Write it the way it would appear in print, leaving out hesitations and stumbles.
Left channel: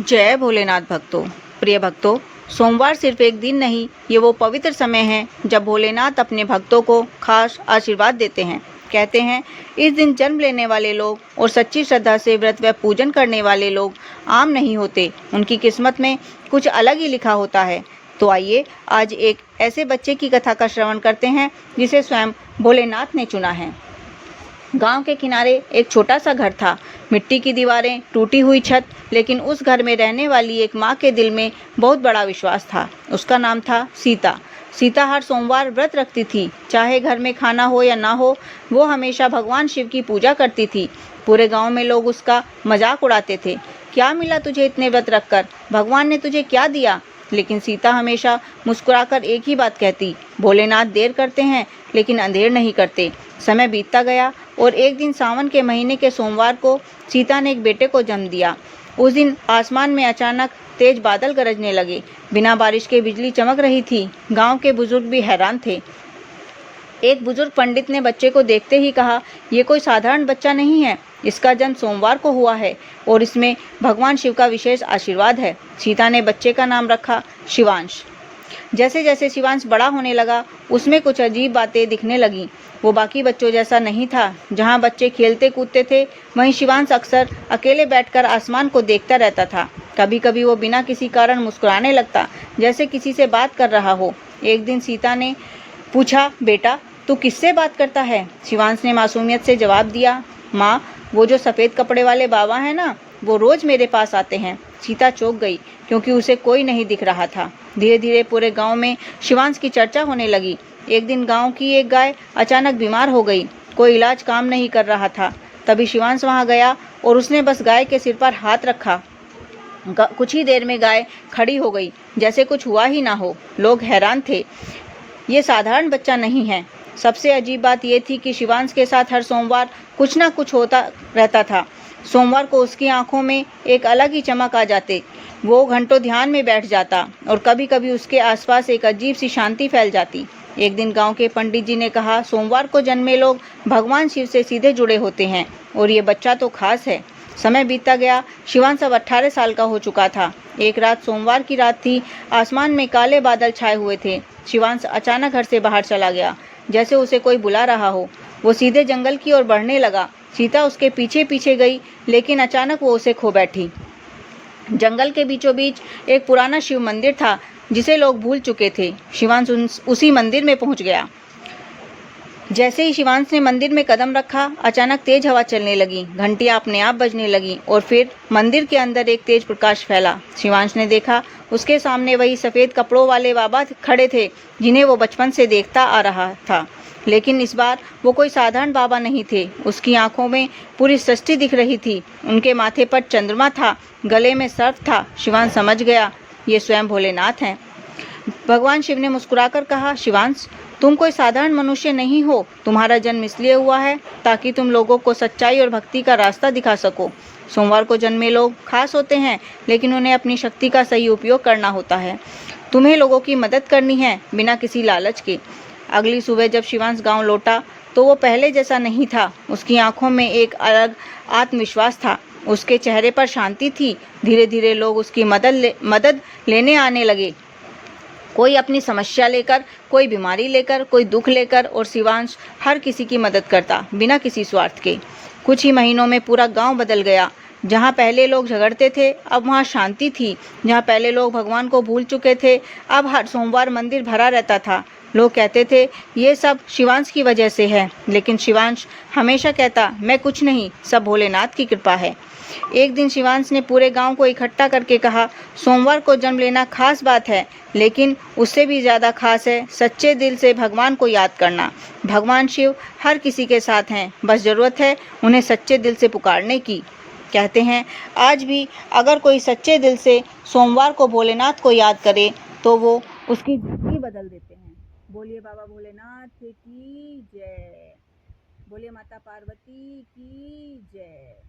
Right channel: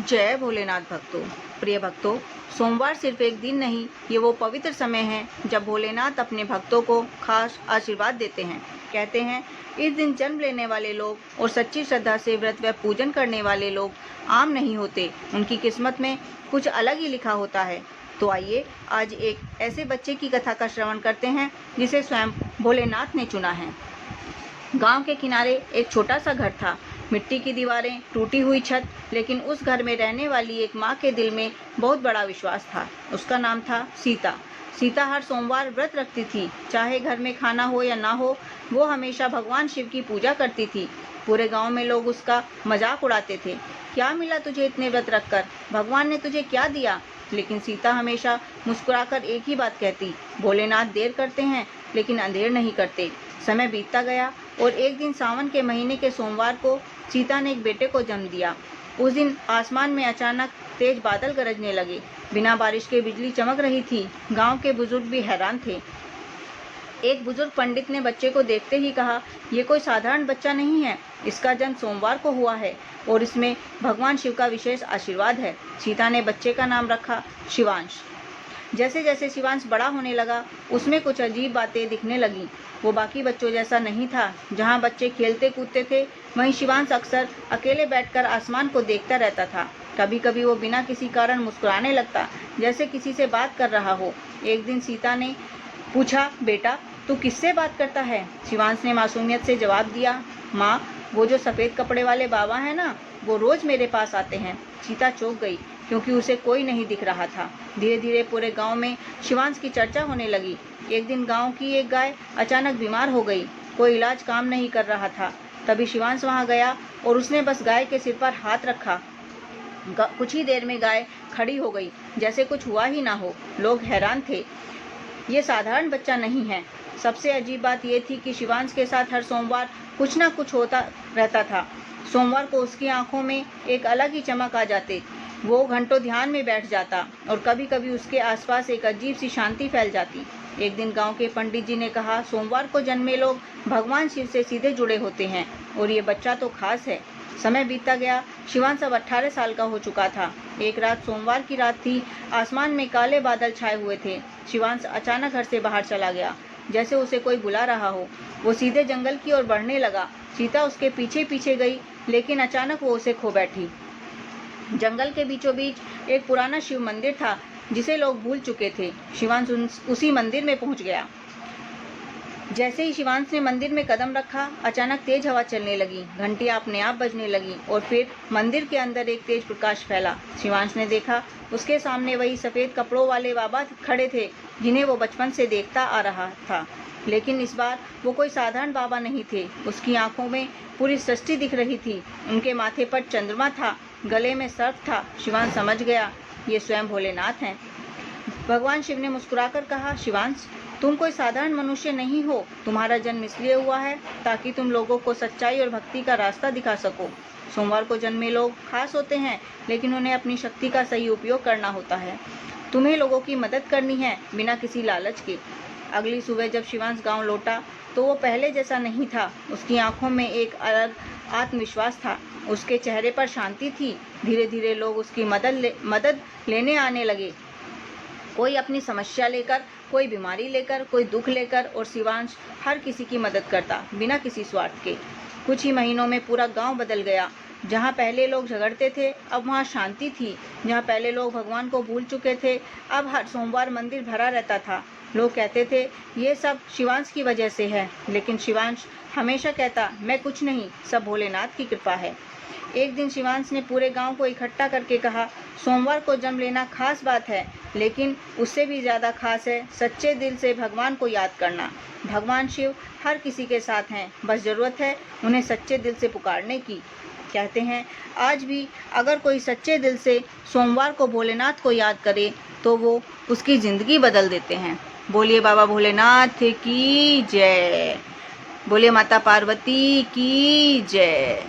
जय भोलेनाथ भक्तों। प्रिय भक्तों, सोमवार सिर्फ एक दिन नहीं, ये वो पवित्र समय है जब भोलेनाथ अपने भक्तों को खास आशीर्वाद देते हैं। कहते हैं इस दिन जन्म लेने वाले लोग और सच्ची श्रद्धा से व्रत व पूजन करने वाले लोग आम नहीं होते, उनकी किस्मत में कुछ अलग ही लिखा होता है। तो आइए आज एक ऐसे बच्चे की कथा का श्रवण करते हैं जिसे स्वयं भोलेनाथ ने चुना है। गांव के किनारे एक छोटा सा घर था। मिट्टी की दीवारें, टूटी हुई छत, लेकिन उस घर में रहने वाली एक माँ के दिल में बहुत बड़ा विश्वास था। उसका नाम था सीता। सीता हर सोमवार व्रत रखती थी, चाहे घर में खाना हो या ना हो। वो हमेशा भगवान शिव की पूजा करती थी। पूरे गांव में लोग उसका मजाक उड़ाते थे। क्या मिला तुझे इतने व्रत रखकर? भगवान ने तुझे क्या दिया? लेकिन सीता हमेशा मुस्कुराकर एक ही बात कहती, भोलेनाथ देर करते हैं लेकिन अंधेर नहीं करते। समय बीतता गया और एक दिन सावन के महीने के सोमवार को सीता ने एक बेटे को जन्म दिया। उस दिन आसमान में अचानक तेज बादल गरजने लगे। बिना बारिश के बिजली चमक रही थी। गांव के बुजुर्ग भी हैरान थे। एक बुजुर्ग पंडित ने बच्चे को देखते ही कहा, ये कोई साधारण बच्चा नहीं है, इसका जन्म सोमवार को हुआ है और इसमें भगवान शिव का विशेष आशीर्वाद है। सीता ने बच्चे का नाम रखा शिवांश। जैसे जैसे शिवांश बड़ा होने लगा, उसमें कुछ अजीब बातें दिखने लगीं। वो बाकी बच्चों जैसा नहीं था। जहाँ बच्चे खेलते कूदते थे, वहीं शिवांश अक्सर अकेले बैठकर आसमान को देखता रहता था। कभी कभी वो बिना किसी कारण मुस्कुराने लगता, जैसे किसी से बात कर रहा हो। एक दिन सीता ने पूछा, बेटा तू किससे बात करता है? शिवांश ने मासूमियत से जवाब दिया, माँ वो जो सफ़ेद कपड़े वाले बाबा हैं ना, वो रोज़ मेरे पास आते हैं। सीता चौंक गई क्योंकि उसे कोई नहीं दिख रहा था। धीरे धीरे पूरे गांव में शिवांश की चर्चा होने लगी। एक दिन गांव की एक गाय अचानक बीमार हो गई। कोई इलाज काम नहीं कर रहा था। तभी शिवांश वहां गया और उसने बस गाय के सिर पर हाथ रखा। कुछ ही देर में गाय खड़ी हो गई, जैसे कुछ हुआ ही ना हो। लोग हैरान थे, ये साधारण बच्चा नहीं है। सबसे अजीब बात यह थी कि शिवांश के साथ हर सोमवार कुछ ना कुछ होता रहता था। सोमवार को उसकी आंखों में एक अलग ही चमक आ जाती। वो घंटों ध्यान में बैठ जाता और कभी कभी उसके आसपास एक अजीब सी शांति फैल जाती। एक दिन गांव के पंडित जी ने कहा, सोमवार को जन्मे लोग भगवान शिव से सीधे जुड़े होते हैं और ये बच्चा तो खास है। समय बीतता गया। शिवांश अब 18 साल का हो चुका था। एक रात सोमवार की रात थी। आसमान में काले बादल छाए हुए थे। शिवांश अचानक घर से बाहर चला गया, जैसे उसे कोई बुला रहा हो। वो सीधे जंगल की ओर बढ़ने लगा। सीता उसके पीछे पीछे गई, लेकिन अचानक वो उसे खो बैठी। जंगल के बीचों बीच एक पुराना शिव मंदिर था, जिसे लोग भूल चुके थे। शिवांश उसी मंदिर में पहुंच गया। जैसे ही शिवांश ने मंदिर में कदम रखा, अचानक तेज हवा चलने लगी। घंटियां अपने आप बजने लगी और फिर मंदिर के अंदर एक तेज प्रकाश फैला। शिवांश ने देखा, उसके सामने वही सफ़ेद कपड़ों वाले बाबा खड़े थे, जिन्हें वो बचपन से देखता आ रहा था। लेकिन इस बार वो कोई साधारण बाबा नहीं थे। उसकी आंखों में पूरी सृष्टि दिख रही थी। उनके माथे पर चंद्रमा था, गले में सर्प था। शिवांश समझ गया, ये स्वयं भोलेनाथ हैं। भगवान शिव ने मुस्कुराकर कहा, शिवांश तुम कोई साधारण मनुष्य नहीं हो। तुम्हारा जन्म इसलिए हुआ है ताकि तुम लोगों को सच्चाई और भक्ति का रास्ता दिखा सको। सोमवार को जन्मे लोग खास होते हैं, लेकिन उन्हें अपनी शक्ति का सही उपयोग करना होता है। तुम्हें लोगों की मदद करनी है, बिना किसी लालच के। अगली सुबह जब शिवांश गांव लौटा तो वो पहले जैसा नहीं था। उसकी आंखों में एक अलग आत्मविश्वास था। उसके चेहरे पर शांति थी। धीरे धीरे लोग उसकी मदद लेने आने लगे। कोई अपनी समस्या लेकर, कोई बीमारी लेकर, कोई दुख लेकर, और शिवांश हर किसी की मदद करता, बिना किसी स्वार्थ के। कुछ ही महीनों में पूरा गांव बदल गया। जहाँ पहले लोग झगड़ते थे, अब वहाँ शांति थी। जहाँ पहले लोग भगवान को भूल चुके थे, अब हर सोमवार मंदिर भरा रहता था। लोग कहते थे ये सब शिवांश की वजह से है, लेकिन शिवांश हमेशा कहता, मैं कुछ नहीं, सब भोलेनाथ की कृपा है। एक दिन शिवांश ने पूरे गांव को इकट्ठा करके कहा, सोमवार को जन्म लेना खास बात है, लेकिन उससे भी ज़्यादा खास है सच्चे दिल से भगवान को याद करना। भगवान शिव हर किसी के साथ हैं, बस ज़रूरत है उन्हें सच्चे दिल से पुकारने की। कहते हैं आज भी अगर कोई सच्चे दिल से सोमवार को भोलेनाथ को याद करे तो वो उसकी ज़िंदगी बदल देते हैं। बोलिए बाबा भोलेनाथ की जय। बोलिए माता पार्वती की जय।